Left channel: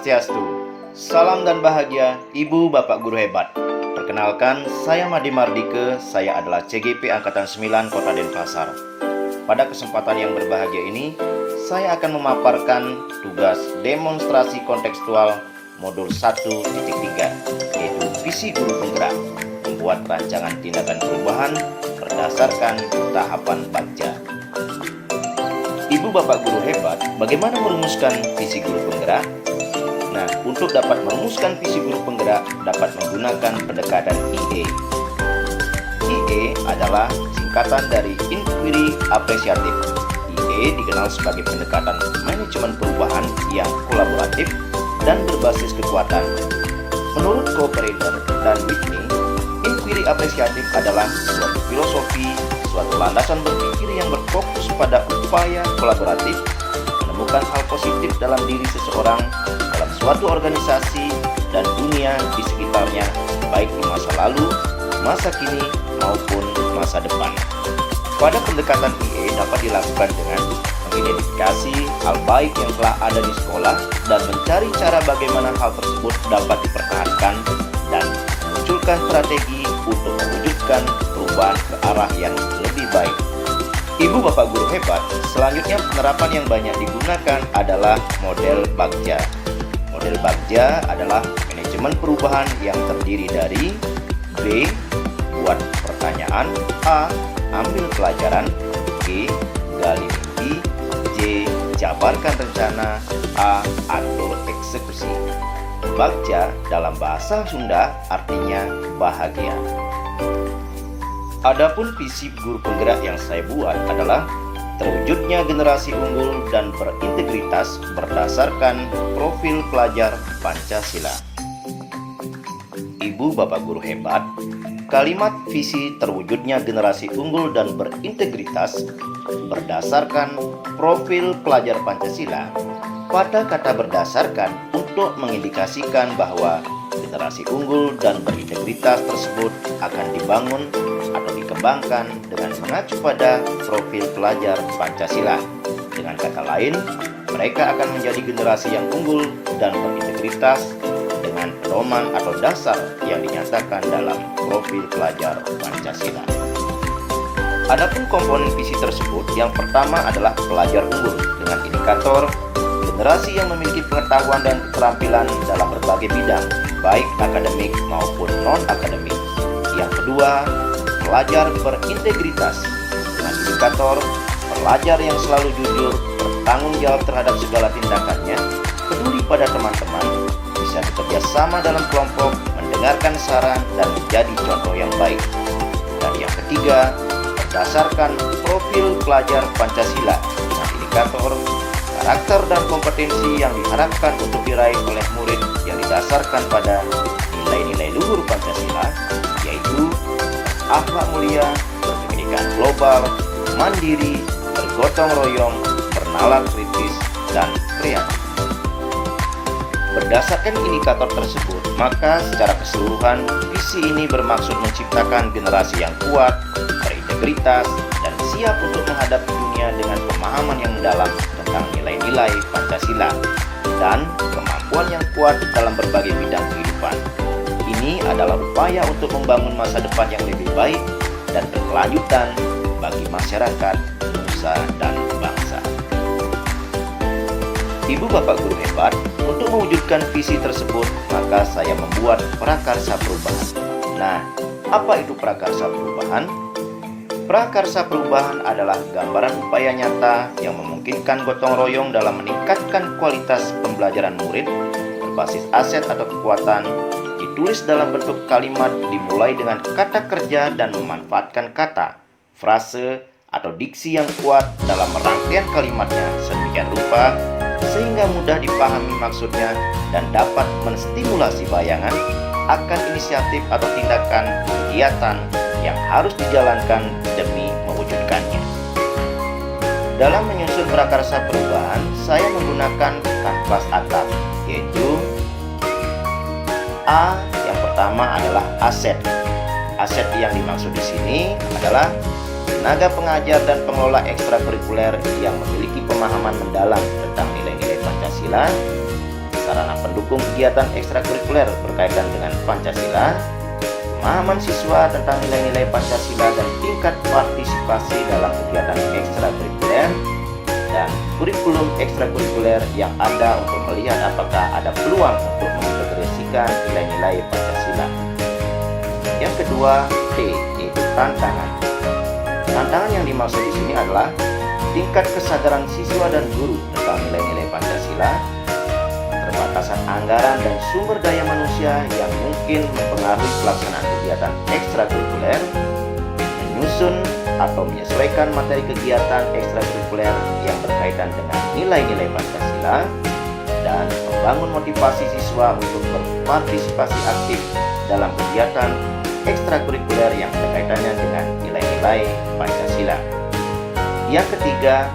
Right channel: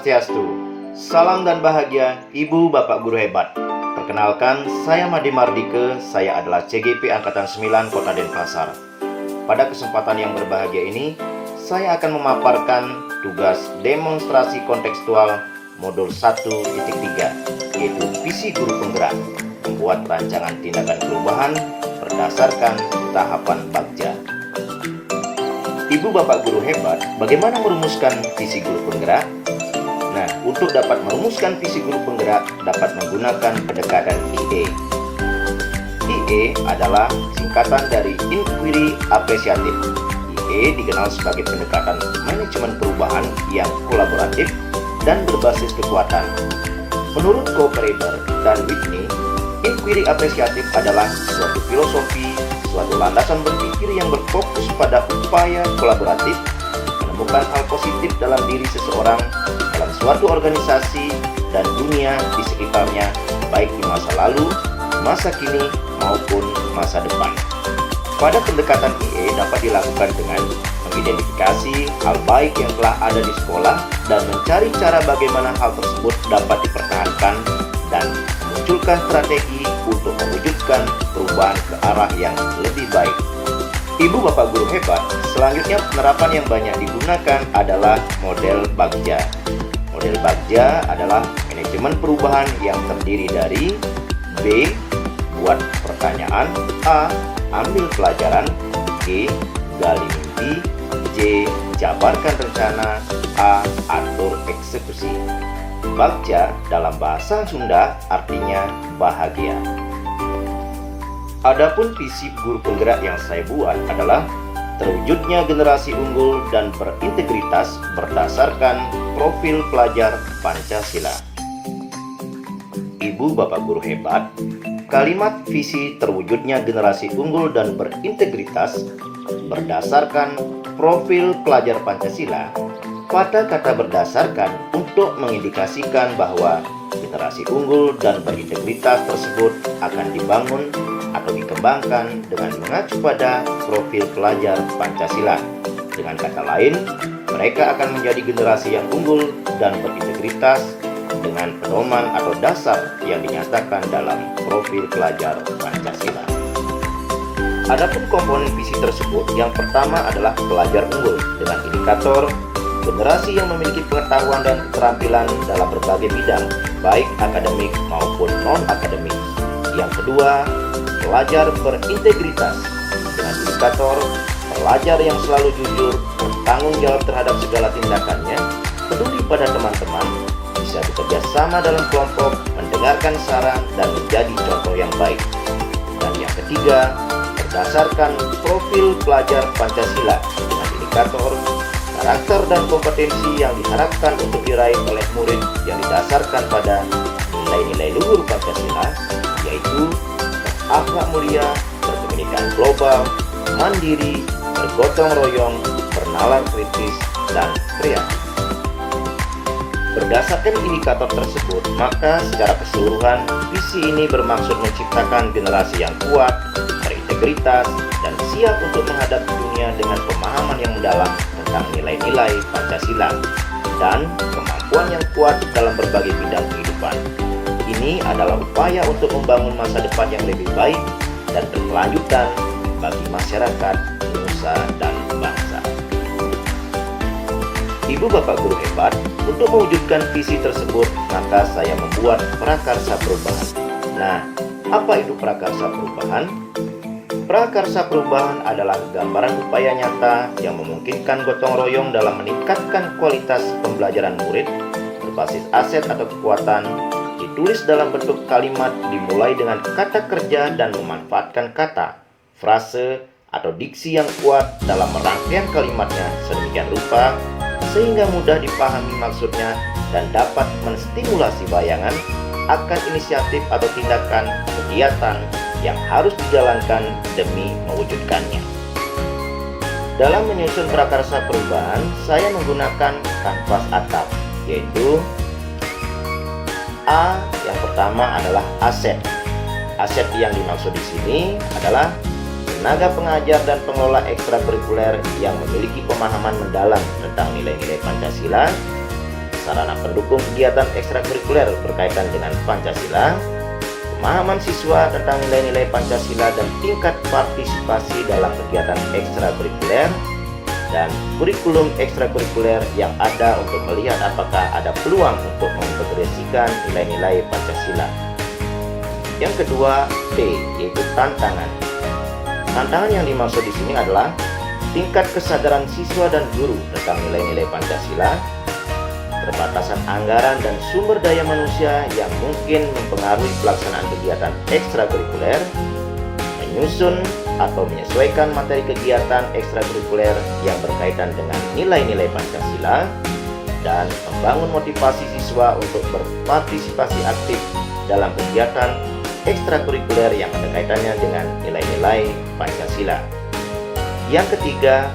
Swastiastu. Salam dan bahagia Ibu Bapak Guru Hebat. Perkenalkan, saya Made Mardike, saya adalah CGP Angkatan 9 Kota Denpasar. Pada kesempatan yang berbahagia ini, saya akan memaparkan tugas demonstrasi kontekstual modul 1.3, yaitu visi guru penggerak, membuat rancangan tindakan perubahan berdasarkan tahapan bagja. Ibu Bapak Guru Hebat, bagaimana merumuskan visi guru penggerak? Nah, untuk dapat merumuskan visi guru penggerak dapat menggunakan pendekatan IE. IE adalah singkatan dari Inquiry Apresiatif. IE dikenal sebagai pendekatan manajemen perubahan yang kolaboratif dan berbasis kekuatan. Menurut co-operator dan Whitney, Inquiry Apresiatif adalah suatu filosofi, suatu landasan berpikir yang berfokus pada upaya kolaboratif, menemukan hal positif dalam diri seseorang, dalam suatu organisasi, dan dunia di sekitarnya, baik di masa lalu, masa kini, maupun masa depan. Pada pendekatan IE dapat dilakukan dengan mengidentifikasi hal baik yang telah ada di sekolah dan mencari cara bagaimana hal tersebut dapat dipertahankan dan memunculkan strategi untuk mewujudkan perubahan ke arah yang lebih baik. Ibu Bapak Guru Hebat, selanjutnya penerapan yang banyak digunakan adalah model bagja. Model bagja adalah manajemen perubahan yang terdiri dari B. Buat pertanyaan, A. Ambil pelajaran, G. Gali mimpi, J. Jabarkan rencana, A. Atur eksekusi. Bagja dalam bahasa Sunda artinya bahagia. Adapun visi guru penggerak yang saya buat adalah terwujudnya generasi unggul dan berintegritas berdasarkan profil pelajar Pancasila. Ibu Bapak Guru Hebat, kalimat visi terwujudnya generasi unggul dan berintegritas berdasarkan profil pelajar Pancasila pada kata berdasarkan untuk mengindikasikan bahwa generasi unggul dan berintegritas tersebut akan dibangun atau dikembangkan dengan mengacu pada profil pelajar Pancasila. Dengan kata lain, mereka akan menjadi generasi yang unggul dan berintegritas dengan pedoman atau dasar yang dinyatakan dalam profil pelajar Pancasila. Adapun komponen visi tersebut, yang pertama adalah pelajar unggul dengan indikator generasi yang memiliki pengetahuan dan keterampilan dalam berbagai bidang, baik akademik maupun non-akademik. Yang kedua, pelajar berintegritas dengan indikator pelajar yang selalu jujur, bertanggung jawab terhadap segala tindakannya, peduli pada teman-teman, bisa bekerja sama dalam kelompok, mendengarkan saran, dan menjadi contoh yang baik. Dan yang ketiga, berdasarkan profil pelajar Pancasila dengan indikator karakter dan kompetensi yang diharapkan untuk diraih oleh murid yang didasarkan pada nilai-nilai luhur Pancasila, yaitu akhlak mulia, berpendidikan global, mandiri, bergotong royong, bernalar kritis, dan kreatif. Berdasarkan indikator tersebut, maka secara keseluruhan, visi ini bermaksud menciptakan generasi yang kuat, berintegritas, dan siap untuk menghadapi dunia dengan pemahaman yang mendalam tentang nilai-nilai Pancasila dan kemampuan yang kuat dalam berbagai bidang kehidupan. Ini adalah upaya untuk membangun masa depan yang lebih baik dan berkelanjutan bagi masyarakat, nusa, dan bangsa. Ibu Bapak Guru Hebat, untuk mewujudkan visi tersebut, maka saya membuat prakarsa perubahan. Nah, apa itu prakarsa perubahan? Prakarsa perubahan adalah gambaran upaya nyata yang memungkinkan gotong royong dalam meningkatkan kualitas pembelajaran murid berbasis aset atau kekuatan, ditulis dalam bentuk kalimat dimulai dengan kata kerja dan memanfaatkan kata, frase, atau diksi yang kuat dalam rangkaian kalimatnya sedemikian rupa sehingga mudah dipahami maksudnya dan dapat menstimulasi bayangan akan inisiatif atau tindakan kegiatan yang harus dijalankan demi mewujudkannya. Dalam menyusun prakarsa perubahan, saya menggunakan kanvas atap, yaitu A. Yang pertama adalah aset. Aset yang dimaksud di sini adalah tenaga pengajar dan pengelola ekstrakurikuler yang memiliki pemahaman mendalam tentang nilai-nilai Pancasila. sarana pendukung kegiatan ekstrakurikuler berkaitan dengan Pancasila, pemahaman siswa tentang nilai-nilai Pancasila dan tingkat partisipasi dalam kegiatan ekstrakurikuler, dan kurikulum ekstrakurikuler yang ada untuk melihat apakah ada peluang untuk mengintegrasikan nilai-nilai Pancasila. Yang kedua, T, yaitu tantangan. Tantangan yang dimaksud di sini adalah tingkat kesadaran siswa dan guru tentang nilai-nilai Pancasila, keterbatasan anggaran dan sumber daya manusia yang mungkin mempengaruhi pelaksanaan kegiatan ekstrakurikuler, menyusun atau menyesuaikan materi kegiatan ekstrakurikuler yang berkaitan dengan nilai-nilai Pancasila, dan membangun motivasi siswa untuk berpartisipasi aktif dalam kegiatan ekstrakurikuler yang berkaitannya dengan nilai-nilai Pancasila. Yang ketiga,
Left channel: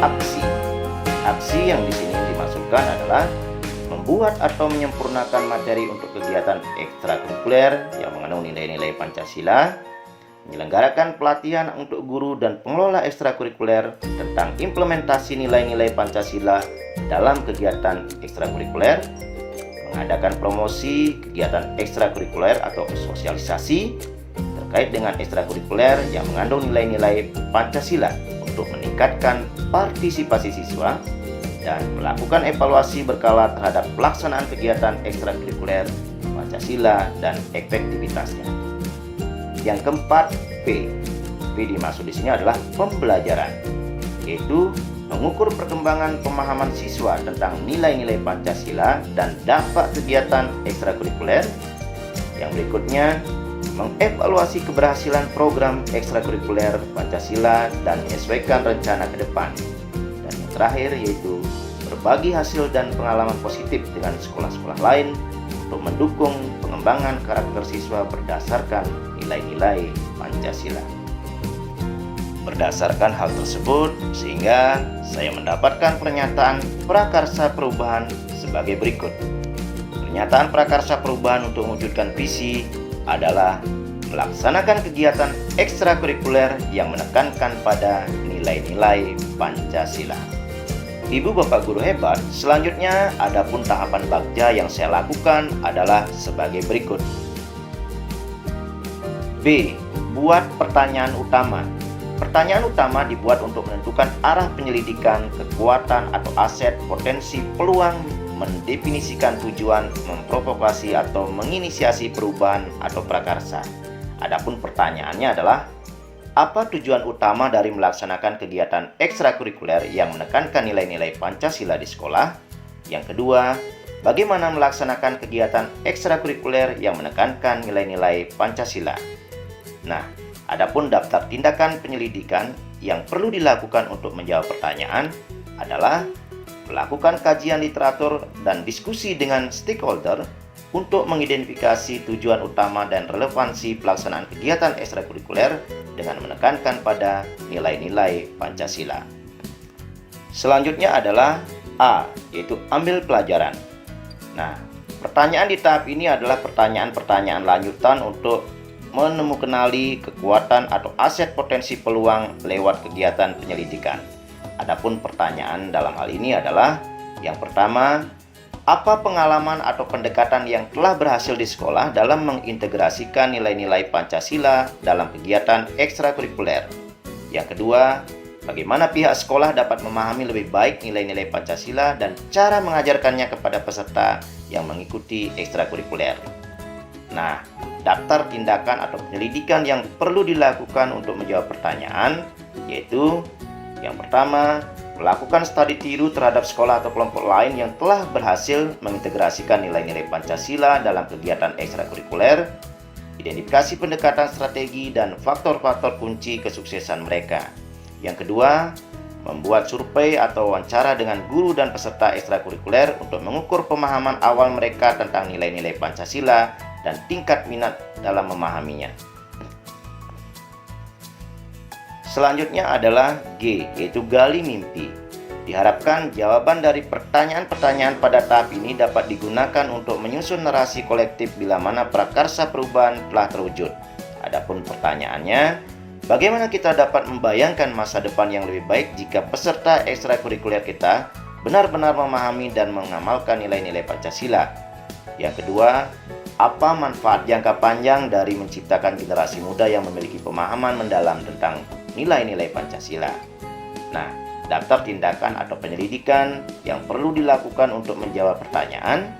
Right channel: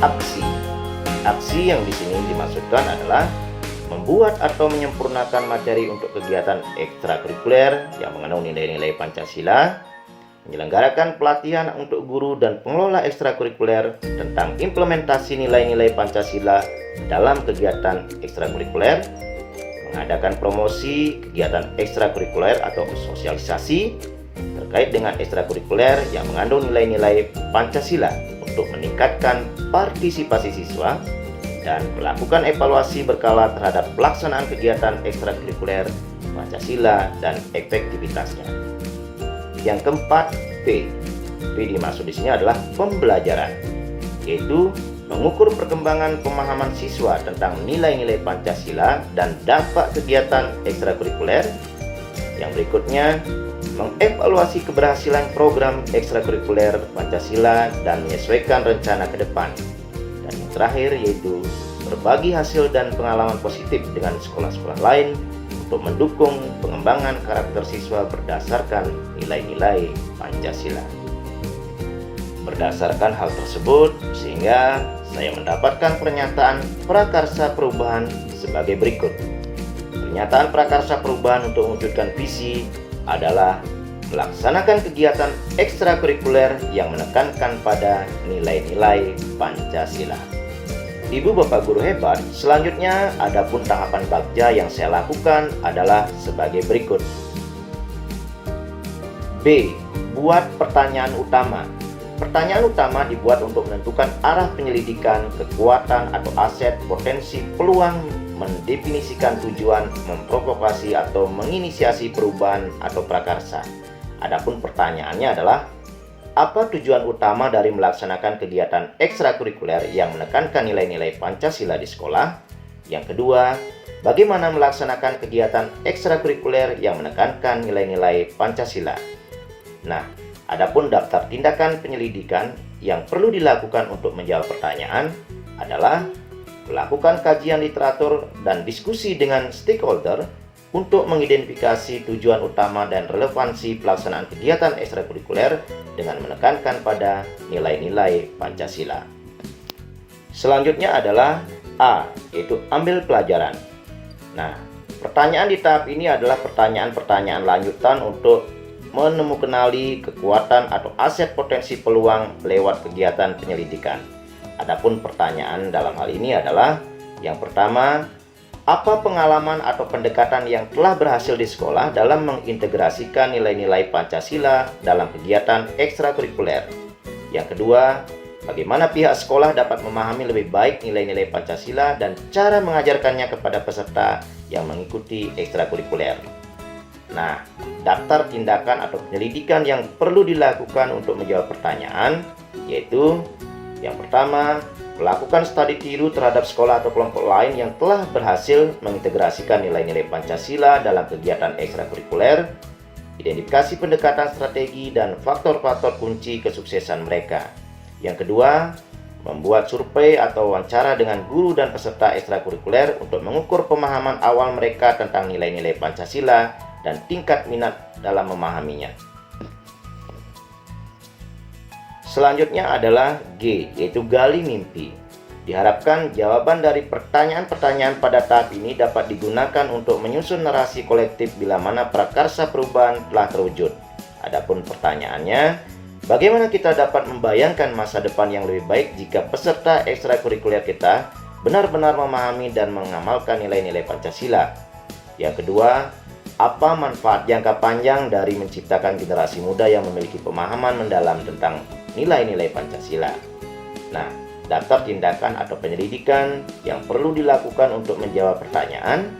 aksi. Aksi yang di sini dimaksudkan adalah membuat atau menyempurnakan materi untuk kegiatan ekstrakurikuler yang mengandung nilai-nilai Pancasila, menyelenggarakan pelatihan untuk guru dan pengelola ekstrakurikuler tentang implementasi nilai-nilai Pancasila dalam kegiatan ekstrakurikuler, mengadakan promosi kegiatan ekstrakurikuler atau sosialisasi terkait dengan ekstrakurikuler yang mengandung nilai-nilai Pancasila untuk meningkatkan partisipasi siswa, dan melakukan evaluasi berkala terhadap pelaksanaan kegiatan ekstrakurikuler Pancasila dan efektivitasnya. Yang keempat, P. P dimaksud di sini adalah pembelajaran, yaitu mengukur perkembangan pemahaman siswa tentang nilai-nilai Pancasila dan dampak kegiatan ekstrakurikuler. Yang berikutnya, mengevaluasi keberhasilan program ekstrakurikuler Pancasila dan menyesuaikan rencana ke depan. Dan yang terakhir yaitu berbagi hasil dan pengalaman positif dengan sekolah-sekolah lain untuk mendukung pengembangan karakter siswa berdasarkan nilai-nilai Pancasila. Berdasarkan hal tersebut, sehingga saya mendapatkan pernyataan prakarsa perubahan sebagai berikut. Pernyataan prakarsa perubahan untuk mewujudkan visi adalah melaksanakan kegiatan ekstrakurikuler yang menekankan pada nilai-nilai Pancasila. Ibu bapak guru hebat, selanjutnya adapun tahapan bagja yang saya lakukan adalah sebagai berikut. B. Buat pertanyaan utama. Pertanyaan utama dibuat untuk menentukan arah penyelidikan, kekuatan atau aset, potensi, peluang, mendefinisikan tujuan, memprovokasi atau menginisiasi perubahan atau prakarsa. Adapun pertanyaannya adalah, apa tujuan utama dari melaksanakan kegiatan ekstrakurikuler yang menekankan nilai-nilai Pancasila di sekolah? Yang kedua, bagaimana melaksanakan kegiatan ekstrakurikuler yang menekankan nilai-nilai Pancasila? Nah, adapun daftar tindakan penyelidikan yang perlu dilakukan untuk menjawab pertanyaan adalah melakukan kajian literatur dan diskusi dengan stakeholder untuk mengidentifikasi tujuan utama dan relevansi pelaksanaan kegiatan ekstrakurikuler dengan menekankan pada nilai-nilai Pancasila. Selanjutnya adalah A, yaitu ambil pelajaran. Nah, pertanyaan di tahap ini adalah pertanyaan-pertanyaan lanjutan untuk menemukanali kekuatan atau aset potensi peluang lewat kegiatan penyelidikan. Adapun pertanyaan dalam hal ini adalah yang pertama, apa pengalaman atau pendekatan yang telah berhasil di sekolah dalam mengintegrasikan nilai-nilai Pancasila dalam kegiatan ekstrakurikuler? Yang kedua, bagaimana pihak sekolah dapat memahami lebih baik nilai-nilai Pancasila dan cara mengajarkannya kepada peserta yang mengikuti ekstrakurikuler? Nah, daftar tindakan atau penyelidikan yang perlu dilakukan untuk menjawab pertanyaan yaitu yang pertama, melakukan studi tiru terhadap sekolah atau kelompok lain yang telah berhasil mengintegrasikan nilai-nilai Pancasila dalam kegiatan ekstrakurikuler, identifikasi pendekatan strategi dan faktor-faktor kunci kesuksesan mereka. Yang kedua, membuat survei atau wawancara dengan guru dan peserta ekstrakurikuler untuk mengukur pemahaman awal mereka tentang nilai-nilai Pancasila dan tingkat minat dalam memahaminya. Selanjutnya adalah G, yaitu gali mimpi. Diharapkan jawaban dari pertanyaan-pertanyaan pada tahap ini dapat digunakan untuk menyusun narasi kolektif bila mana prakarsa perubahan telah terwujud. Adapun pertanyaannya, bagaimana kita dapat membayangkan masa depan yang lebih baik jika peserta ekstrakurikuler kita benar-benar memahami dan mengamalkan nilai-nilai Pancasila. Yang kedua, apa manfaat jangka panjang dari menciptakan generasi muda yang memiliki pemahaman mendalam tentang nilai-nilai Pancasila. Nah, daftar tindakan atau penyelidikan yang perlu dilakukan untuk menjawab pertanyaan.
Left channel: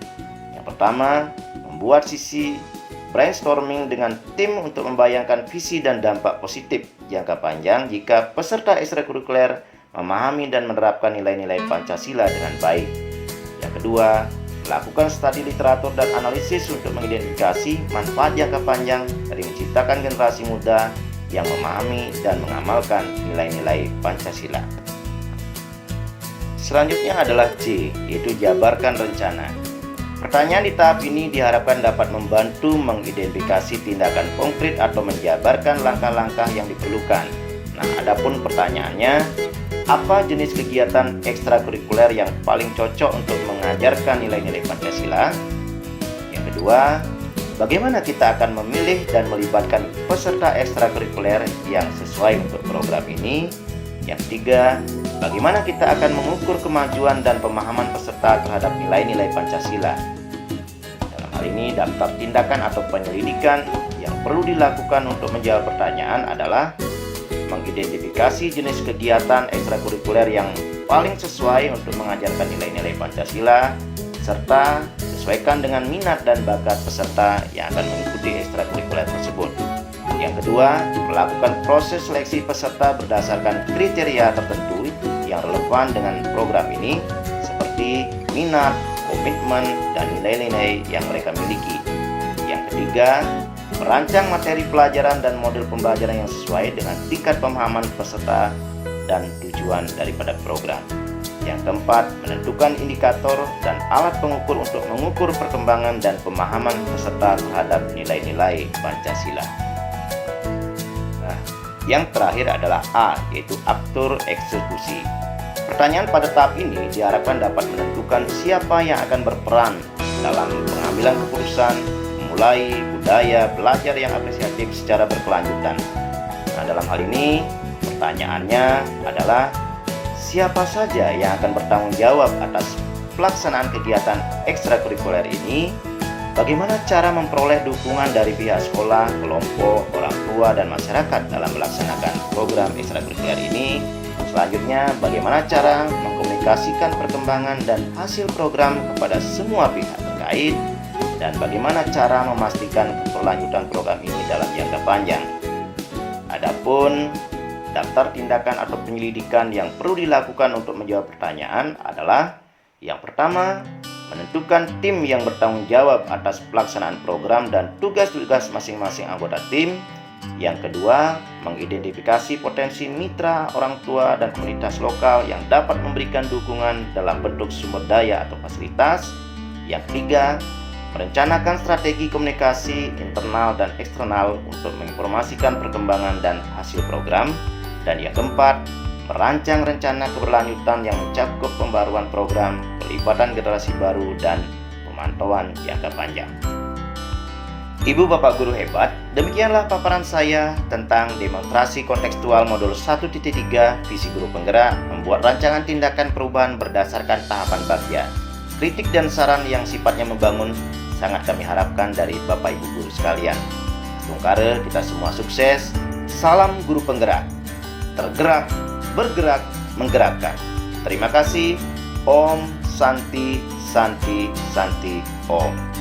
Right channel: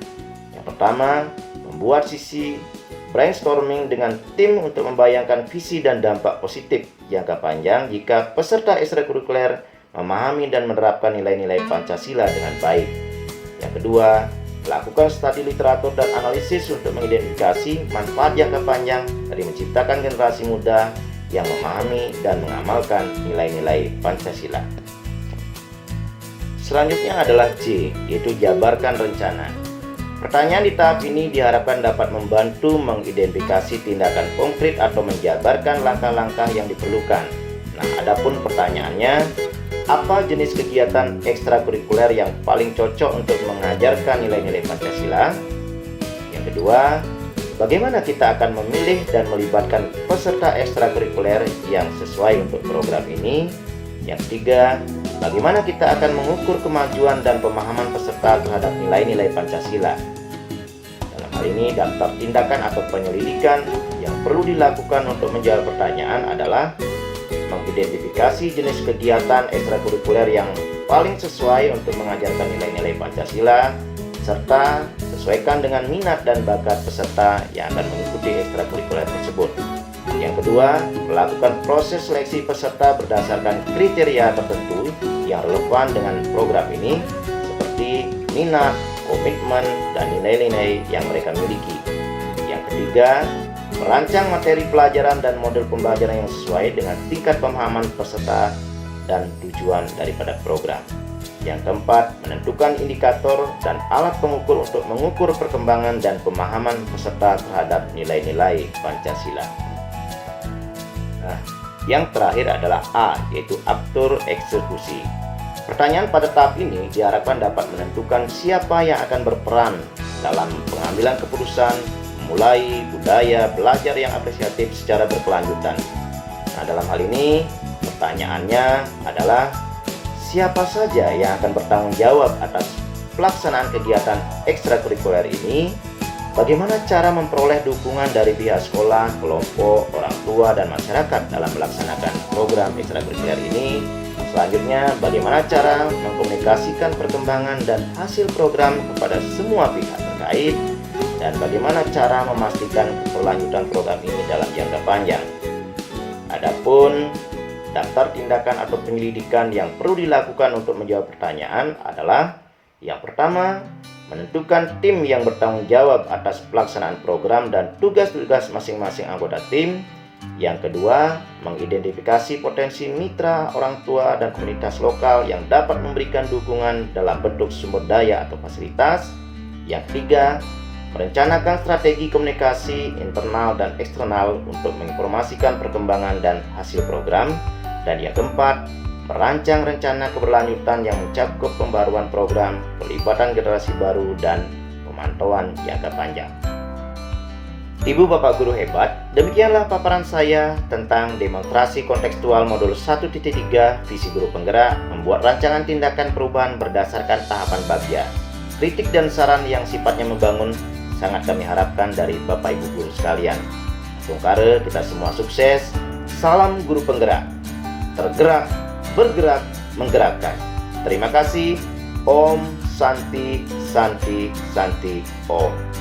Yang pertama, membuat sesi brainstorming dengan tim untuk membayangkan visi dan dampak positif jangka panjang jika peserta ekstrakurikuler memahami dan menerapkan nilai-nilai Pancasila dengan baik. Yang kedua, lakukan studi literatur dan analisis untuk mengidentifikasi manfaat jangka panjang dari menciptakan generasi muda yang memahami dan mengamalkan nilai-nilai Pancasila. Selanjutnya adalah C, yaitu jabarkan rencana. Pertanyaan di tahap ini diharapkan dapat membantu mengidentifikasi tindakan konkret atau menjabarkan langkah-langkah yang diperlukan. Nah, adapun pertanyaannya, apa jenis kegiatan ekstrakurikuler yang paling cocok untuk mengajarkan nilai-nilai Pancasila? Yang kedua, bagaimana kita akan memilih dan melibatkan peserta ekstrakurikuler yang sesuai untuk program ini? Yang ketiga, bagaimana kita akan mengukur kemajuan dan pemahaman peserta terhadap nilai-nilai Pancasila? Dalam hal ini, daftar tindakan atau penyelidikan yang perlu dilakukan untuk menjawab pertanyaan adalah mengidentifikasi jenis kegiatan ekstrakurikuler yang paling sesuai untuk mengajarkan nilai-nilai Pancasila, serta sesuaikan dengan minat dan bakat peserta yang akan mengikuti ekstrakurikuler tersebut. Yang kedua, melakukan proses seleksi peserta berdasarkan kriteria tertentu yang relevan dengan program ini, seperti minat, komitmen, dan nilai-nilai yang mereka miliki. Yang ketiga, merancang materi pelajaran dan model pembelajaran yang sesuai dengan tingkat pemahaman peserta dan tujuan daripada program. Yang keempat, menentukan indikator dan alat pengukur untuk mengukur perkembangan dan pemahaman peserta terhadap nilai-nilai Pancasila. Nah, yang terakhir adalah A, yaitu aktor eksekusi. Pertanyaan pada tahap ini diharapkan dapat menentukan siapa yang akan berperan dalam pengambilan keputusan, mulai budaya belajar yang apresiatif secara berkelanjutan. Nah, dalam hal ini pertanyaannya adalah siapa saja yang akan bertanggung jawab atas pelaksanaan kegiatan ekstrakurikuler ini, bagaimana cara memperoleh dukungan dari pihak sekolah, kelompok, orang tua, dan masyarakat dalam melaksanakan program ekstrakurikuler ini. Selanjutnya, bagaimana cara mengkomunikasikan perkembangan dan hasil program kepada semua pihak terkait, dan bagaimana cara memastikan keberlanjutan program ini dalam jangka panjang. Adapun daftar tindakan atau penyelidikan yang perlu dilakukan untuk menjawab pertanyaan adalah: yang pertama, menentukan tim yang bertanggung jawab atas pelaksanaan program dan tugas-tugas masing-masing anggota tim. Yang kedua, mengidentifikasi potensi mitra, orang tua, dan komunitas lokal yang dapat memberikan dukungan dalam bentuk sumber daya atau fasilitas. Yang ketiga, merencanakan strategi komunikasi internal dan eksternal untuk menginformasikan perkembangan dan hasil program. Dan yang keempat, merancang rencana keberlanjutan yang mencakup pembaruan program, pelibatan generasi baru, dan pemantauan jangka panjang. Ibu Bapak Guru hebat, demikianlah paparan saya tentang demonstrasi kontekstual modul 1.3 visi guru penggerak membuat rancangan tindakan perubahan berdasarkan tahapan bagian. Kritik dan saran yang sifatnya membangun sangat kami harapkan dari Bapak Ibu Guru sekalian. Bongkare kita semua sukses. Salam guru penggerak. Tergerak, bergerak, menggerakkan. Terima kasih. Om Santi Santi Santi Om.